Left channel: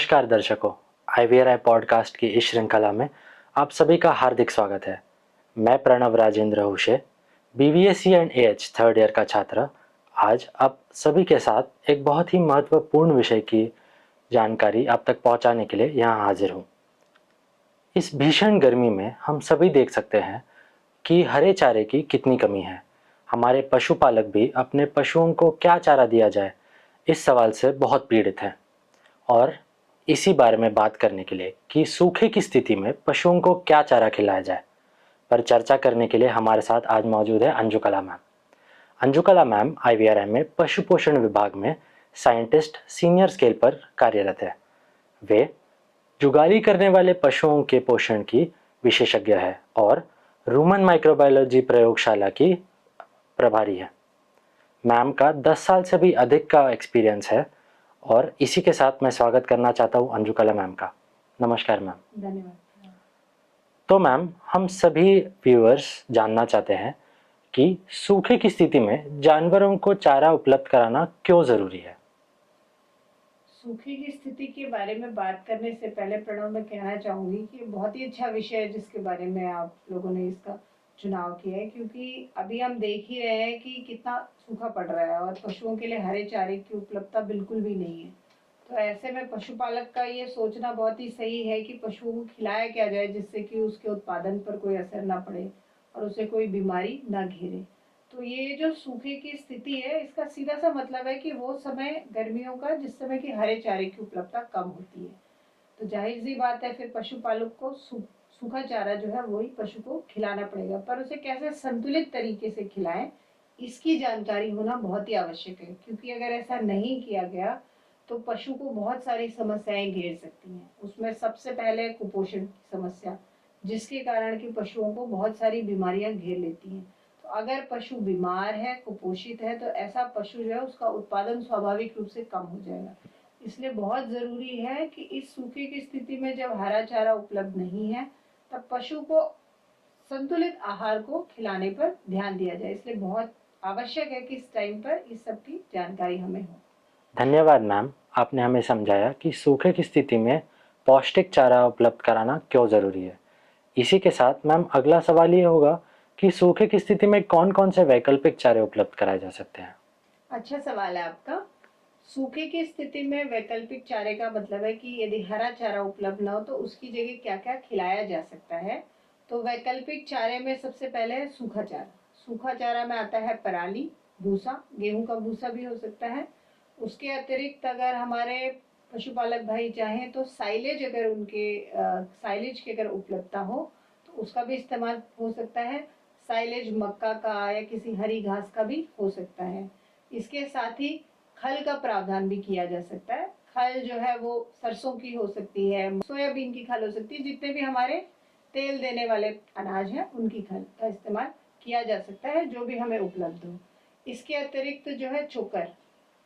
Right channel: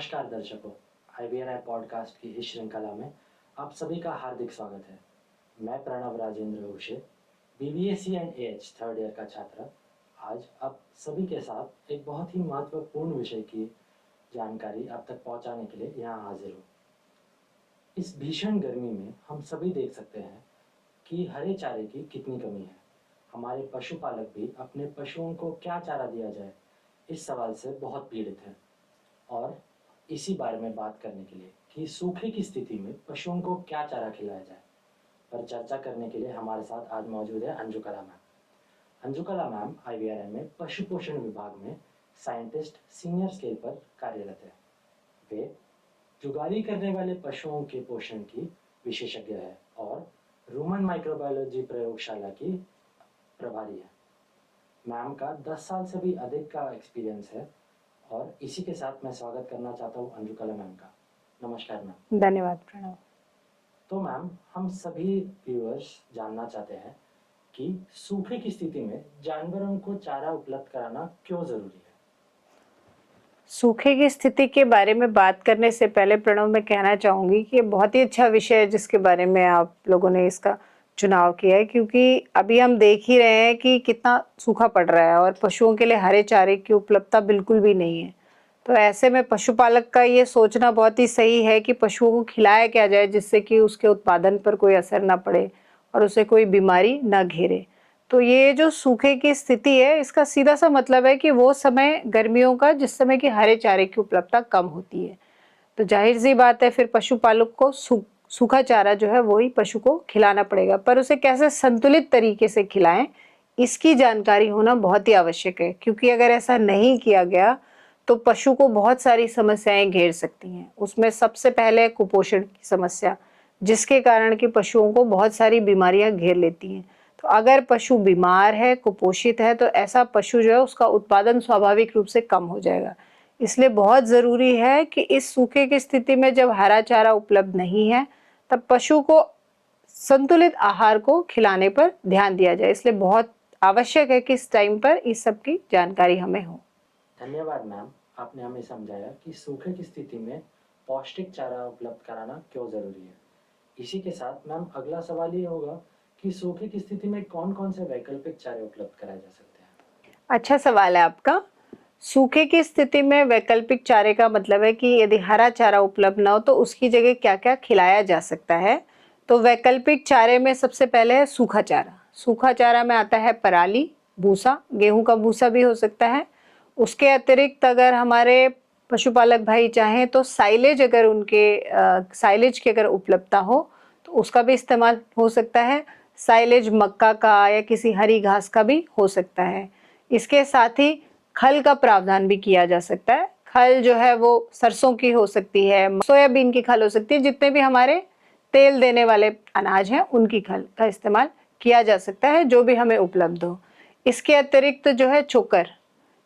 नमस्कार दर्शकों, IVRI podcast की इस श्रृंखला में आप सभी का हार्दिक स्वागत है। मैं Pranav Rajendra Hushe, BVSC and AH third year का छात्र, आज आप सभी के साथ एक बहुत ही महत्वपूर्ण विषय की जानकारी आप तक पहुंचाने के लिए यहाँ हाजिर हूँ। इस भीषण गर्मी में हम सभी देख सकते हैं कि हरे चारे की कितनी कमी है। हमारे पशुपालक भी अपने पशुओं को क्या चारा दिया जाए, इस सवाल से बहुत पीड़ित हैं। और इसी बारे में बात करने के लिए कि सूखे की स्थिति में पशुओं को क्या चारा खिलाया जाए, पर चर्चा करने के लिए हमारे साथ आज मौजूद है अंजुकला मैम। अंजुकला मैम IVRI में पशु पोषण विभाग में साइंटिस्ट सीनियर स्केल पर कार्यरत है। वे जुगाली करने वाले पशुओं के पोषण की विशेषज्ञ है और रूमन माइक्रोबायोलॉजी प्रयोगशाला की प्रभारी है। मैम का 10 साल से भी अधिक का एक्सपीरियंस है और इसी के साथ मैं स्वागत करना चाहता हूँ अंजुकला मैम का। नमस्कार मैम। धन्यवाद प्रणव। तो मैम, हम सभी व्यूअर्स जानना चाहते हैं कि सूखे की स्थिति में जानवरों को चारा उपलब्ध कराना क्यों ज़रूरी है। सूखे की स्थिति के बारे में बात करने से पहले प्रणव मैं कहना चाहूँगी कि ये बहुत ही अच्छा विषय है जिसके बारे में आप लोगों ने इसका चुनाव किया है, क्योंकि अभी हम देख ही रहे हैं कि कितना सूखा पड़ रहा है और पशुओं के लिए हरे चारे की उपलब्धता बिल्कुल भी नहीं है। तो ऐसे में पशुपालक का ये सोचना बहुत ही सही है कि पशुओं को खिलाया क्या जाए जिससे कि उसके उत्पादन पर कोई असर ना पड़े और उसे कोई बीमारी ना घेरे। तो ये जो सूखे की स्थिति है, इसका सीधा सा मतलब है कि वो समय गर्मियों का जिस समय कि हरे चारे की उपलब्धता कम होती है। तो जाहिर-सी बात है, फिर पशुपालक को सूखा चारा जो है वही पशु को खिलाना पड़ेगा, पर उसे कैसे संतुलित तरीके से खिलाएँ, इसकी जानकारी होना बहुत ही आवश्यक है, क्योंकि अगर ऐसा नहीं किया गया तो पशु को बहुत सारी समस्याएँ घेर सकती हैं। उसमें सबसे पहले कुपोषण की समस्या, जिसके कारण कि पशुओं को बहुत सारी बीमारियाँ घेर लेती हैं। तो अगर पशु बीमार है, कुपोषित है, तो ऐसा पशु जो है उसका उत्पादन स्वाभाविक रूप से कम हो जाएगा। इसलिए बहुत ज़रूरी है कि इस सूखे की स्थिति में जब हरा चारा उपलब्ध नहीं है, तब पशु को संतुलित आहार को खिलाने पर ध्यान दिया जाए। इसलिए बहुत आवश्यक है कि इस टाइम पर इस सब की जानकारी हमें हो। धन्यवाद मैम, आपने हमें समझाया कि सूखे की स्थिति में पौष्टिक चारा उपलब्ध कराना क्यों ज़रूरी है। इसी के साथ मैम, अगला सवाल ये होगा कि सूखे की स्थिति में कौन कौन से वैकल्पिक चारे उपलब्ध कराए जा सकते हैं। अच्छा सवाल है आपका। सूखे की स्थिति में वैकल्पिक चारे का मतलब है कि यदि हरा चारा उपलब्ध ना हो तो उसकी जगह क्या-क्या खिलाया जा सकता है। तो वैकल्पिक चारे में सबसे पहले है सूखा चारा। सूखा चारा में आता है पराली, भूसा, गेहूँ का भूसा भी हो सकता है। उसके अतिरिक्त अगर हमारे पशुपालक भाई चाहें तो साइलेज, अगर उनके साइलेज की अगर उपलब्धता हो तो उसका भी इस्तेमाल हो सकता है। साइलेज मक्का का या किसी हरी घास का भी हो सकता है। इसके साथ ही खल का प्रावधान भी किया जा सकता है। खल जो है वो सरसों की हो सकती है, सोयाबीन की खल हो सकती है, जितने भी हमारे तेल देने वाले अनाज हैं उनकी खल का इस्तेमाल किया जा सकता है, जो भी हमें उपलब्ध हो। इसके अतिरिक्त जो है चोकर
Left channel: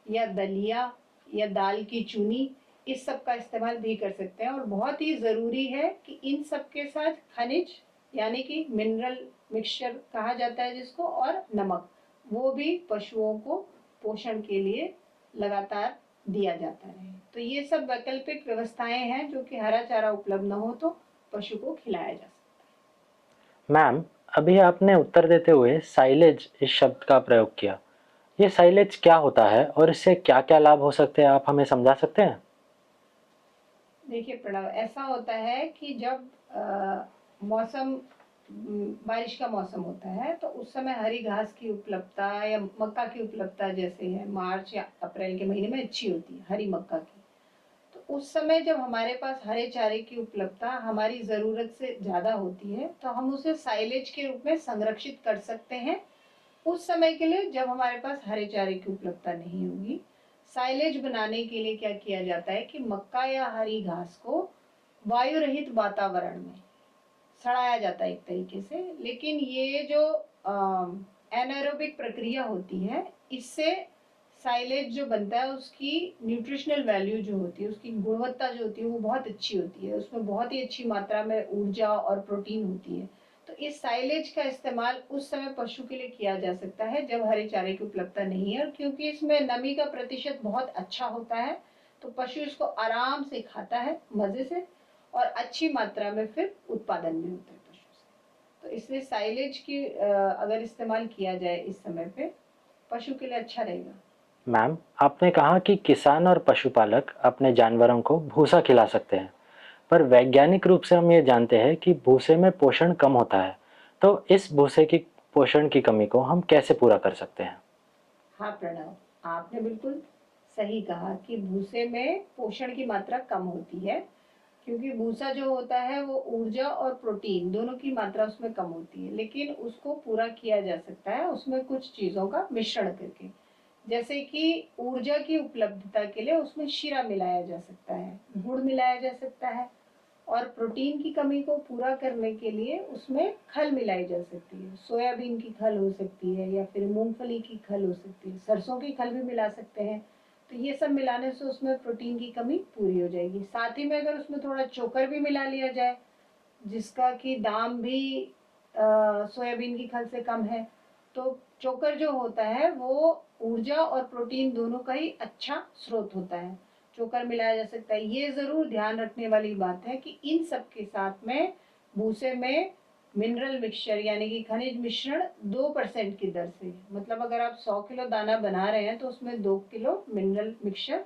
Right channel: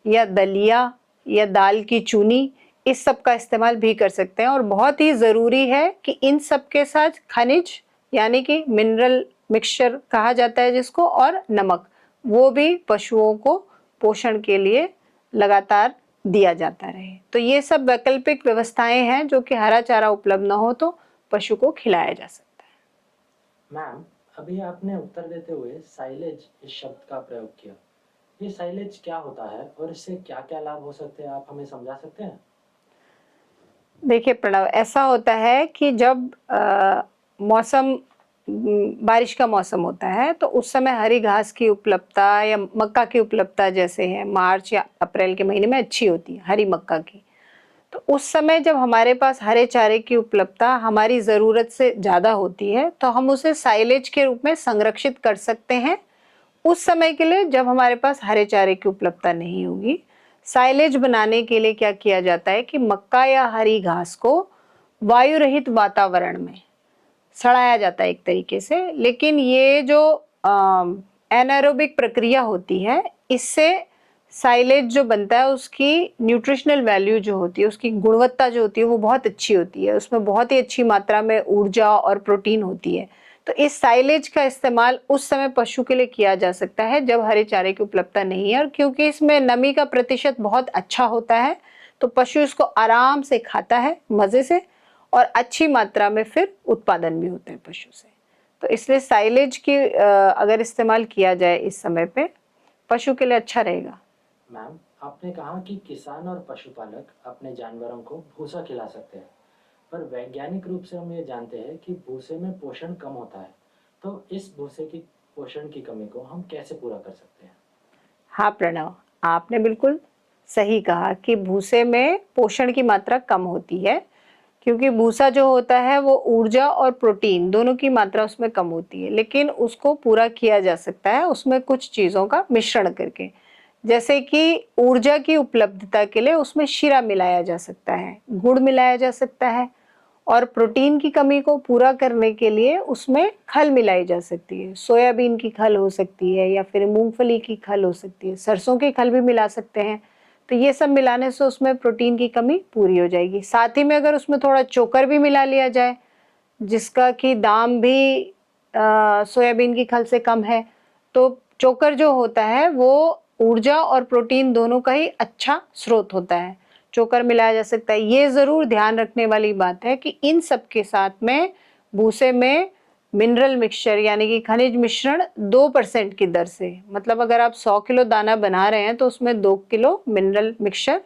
या दलिया या दाल की चूनी, इस सब का इस्तेमाल भी कर सकते हैं। और बहुत ही ज़रूरी है कि इन सब के साथ खनिज यानी कि मिनरल मिक्सचर कहा जाता है जिसको, और नमक, वो भी पशुओं को पोषण के लिए लगातार दिया जाता रहे। तो ये सब वैकल्पिक व्यवस्थाएं हैं जो कि हरा चारा उपलब्ध न हो तो पशु को खिलाया जा सकता है। मैम, अभी आपने उत्तर देते हुए साइलेज इस शब्द का प्रयोग किया। ये साइलेज क्या होता है और इससे क्या-क्या लाभ हो सकते हैं, आप हमें समझा सकते हैं? देखिए प्रणव, ऐसा होता है कि जब मौसम बारिश का मौसम होता है तो उस समय हरी घास की उपलब्धता या मक्का की उपलब्धता जैसे है मार्च या अप्रैल के महीने में अच्छी होती है हरी मक्का की। तो उस समय जब हमारे पास हरे चारे की उपलब्धता हमारी ज़रूरत से ज़्यादा होती है तो हम उसे साइलेज के रूप में संरक्षित कर सकते हैं उस समय के लिए जब हमारे पास हरे चारे की उपलब्धता नहीं होगी। साइलेज बनाने के लिए क्या किया जाता है कि मक्का या हरी घास को वायु रहित वातावरण में सड़ाया जाता है एक तरीके से, लेकिन ये जो एनारोबिक प्रक्रिया होती है, इससे साइलेज जो बनता है उसकी न्यूट्रिशनल वैल्यू जो होती है, उसकी गुणवत्ता जो होती है वो बहुत अच्छी होती है। उसमें बहुत ही अच्छी मात्रा में ऊर्जा और प्रोटीन होती है। तो इस साइलेज का इस्तेमाल उस समय पशु के लिए किया जा सकता है जब हरे चारे की उपलब्धता नहीं है, और क्योंकि इसमें नमी का प्रतिशत बहुत अच्छा होता है तो पशु इसको आराम से खाता है मज़े से, और अच्छी मात्रा में फिर उत्पादन भी होता है पशु से। तो इसलिए साइलेज की अगर इस्तेमाल किया जाए इस समय पे, पशु के लिए अच्छा रहेगा। मैम, आपने कहा कि किसान और पशुपालक अपने जानवरों को भूसा खिला सकते हैं, पर वैज्ञानिक रूप से हम ये जानते हैं कि भूसे में पोषण कम होता है। तो इस भूसे की पोषण की कमी को हम कैसे पूरा कर सकते हैं? हाँ प्रणव, आपने बिल्कुल सही कहा कि भूसे में पोषण की मात्रा कम होती है, क्योंकि भूसा जो होता है वो ऊर्जा और प्रोटीन दोनों की मात्रा उसमें कम होती है, लेकिन उसको पूरा किया जा सकता है उसमें कुछ चीज़ों का मिश्रण करके। जैसे कि ऊर्जा की उपलब्धता के लिए उसमें शीरा मिलाया जा सकता है, गुड़ मिलाया जा सकता है, और प्रोटीन की कमी को पूरा करने के लिए उसमें खल मिलाई जा सकती है। सोयाबीन की खल हो सकती है, या फिर मूंगफली की खल हो सकती है, सरसों की खल भी मिला सकते हैं। तो ये सब मिलाने से उसमें प्रोटीन की कमी पूरी हो जाएगी। साथ ही में अगर उसमें थोड़ा चोकर भी मिला लिया जाए, जिसका कि दाम भी सोयाबीन की खल से कम है, तो चोकर जो होता है वो ऊर्जा और प्रोटीन दोनों का ही अच्छा स्रोत होता है। चोकर मिलाया जा सकता है। ये ज़रूर ध्यान रखने वाली बात है कि इन सब के साथ में भूसे में मिनरल मिक्सचर यानी कि खनिज मिश्रण 2% की दर से, मतलब अगर आप 100 किलो दाना बना रहे हैं तो उसमें 2 किलो मिनरल मिक्सचर,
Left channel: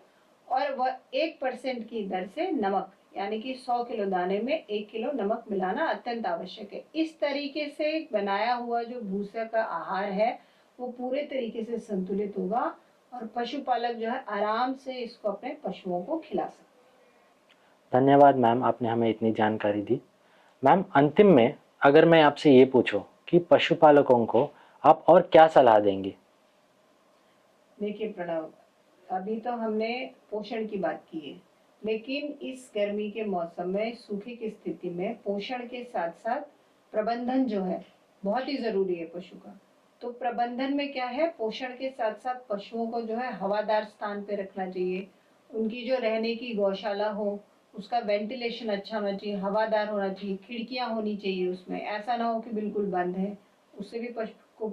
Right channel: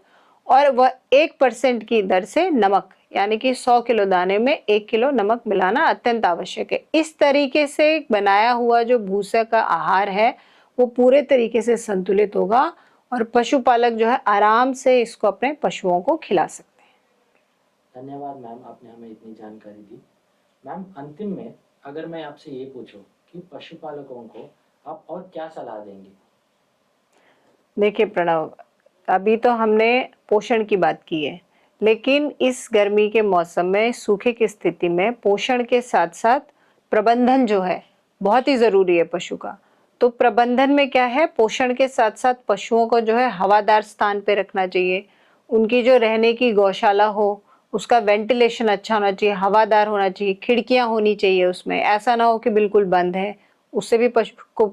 और वह 1% की दर से नमक, यानी कि 100 किलो दाने में 1 किलो नमक मिलाना अत्यंत आवश्यक है। इस तरीके से बनाया हुआ जो भूसे का आहार है वो पूरे तरीके से संतुलित होगा, और पशुपालक जो है आराम से इसको अपने पशुओं को खिला सकते हैं। धन्यवाद मैम, आपने हमें इतनी जानकारी दी। मैम, अंतिम में अगर मैं आपसे ये पूछूं कि पशुपालकों को आप और क्या सलाह देंगी? देखिए प्रणव, अभी तो हमने पोषण की बात की है, लेकिन इस गर्मी के मौसम में सूखे की स्थिति में पोषण के साथ साथ प्रबंधन जो है बहुत ही ज़रूरी है पशु का। तो प्रबंधन में क्या है, पोषण के साथ साथ पशुओं को जो है हवादार स्थान पे रखना चाहिए। उनकी जो रहने की गौशाला हो, उसका वेंटिलेशन अच्छा होना चाहिए, हवादार होना चाहिए, खिड़कियाँ होनी चाहिए उसमें, ऐसा ना हो कि बिल्कुल बंद है, उससे भी पशु को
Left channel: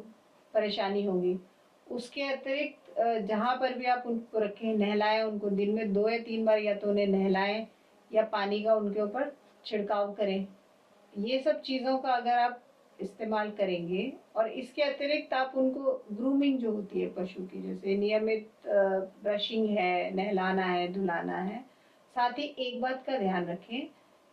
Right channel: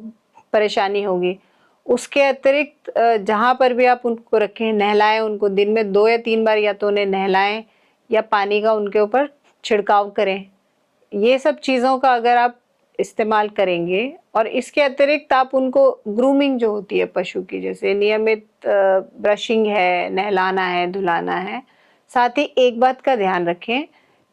परेशानी होगी। उसके अतिरिक्त जहाँ पर भी आप उनको रखें, नहलाएँ उनको, दिन में 2 या 3 बार या तो उन्हें नहलाएँ या पानी का उनके ऊपर छिड़काव करें। ये सब चीज़ों का अगर आप इस्तेमाल करेंगे, और इसके अतिरिक्त आप उनको ग्रूमिंग जो होती है पशु की, जैसे नियमित ब्रशिंग है, नहलाना है, धुलाना है। साथ ही एक बात का ध्यान रखें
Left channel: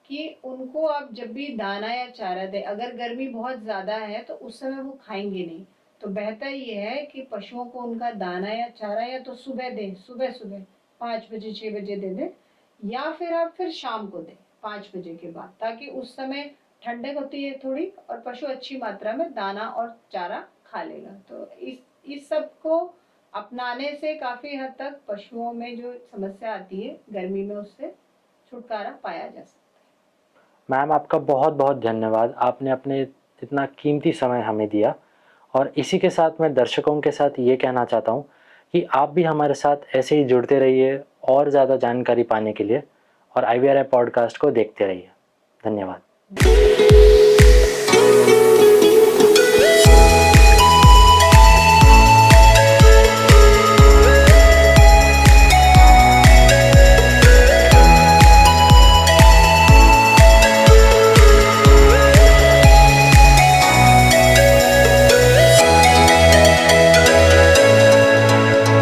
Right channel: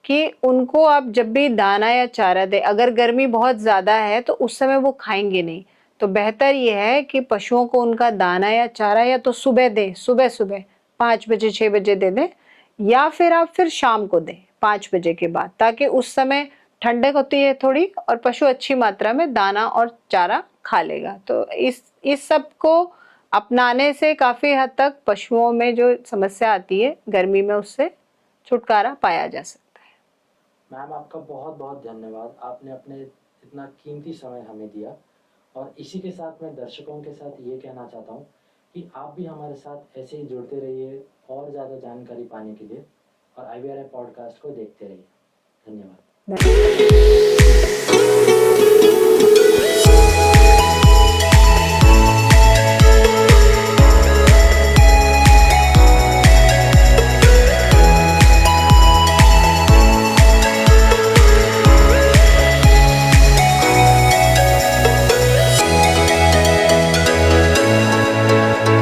कि उनको आप जब भी दाना या चारा दें, अगर गर्मी बहुत ज़्यादा है तो उस समय वो खाएँगे नहीं। तो बेहतर ये है कि पशुओं को उनका दाना या चारा या तो सुबह दें, सुबह-सुबह 5 बजे 6 बजे दे दें, या फिर आप फिर शाम को दें 5 बजे के बाद, ताकि उस समय ठंडक होती है थोड़ी और पशु अच्छी मात्रा में दाना और चारा खा लेगा। तो इस सब को अपनाने से काफ़ी हद तक पशुओं में जो समस्या आती है गर्मी में, उससे छुटकारा पाया जा सकता है। मैम, आपका बहुत बहुत धन्यवाद। आपने अपने इतना कीमती समय हमें दिया, और इसी के साथ मैं दर्शकों के साथ ये कहना चाहता हूँ कि आप भी हमारे साथ ऐसे ही जुड़ते रहिए और ज़्यादा जानकारी पाने के लिए, और IVRI पॉडकास्ट को देखते रहिए। धन्यवाद। धन्यवाद।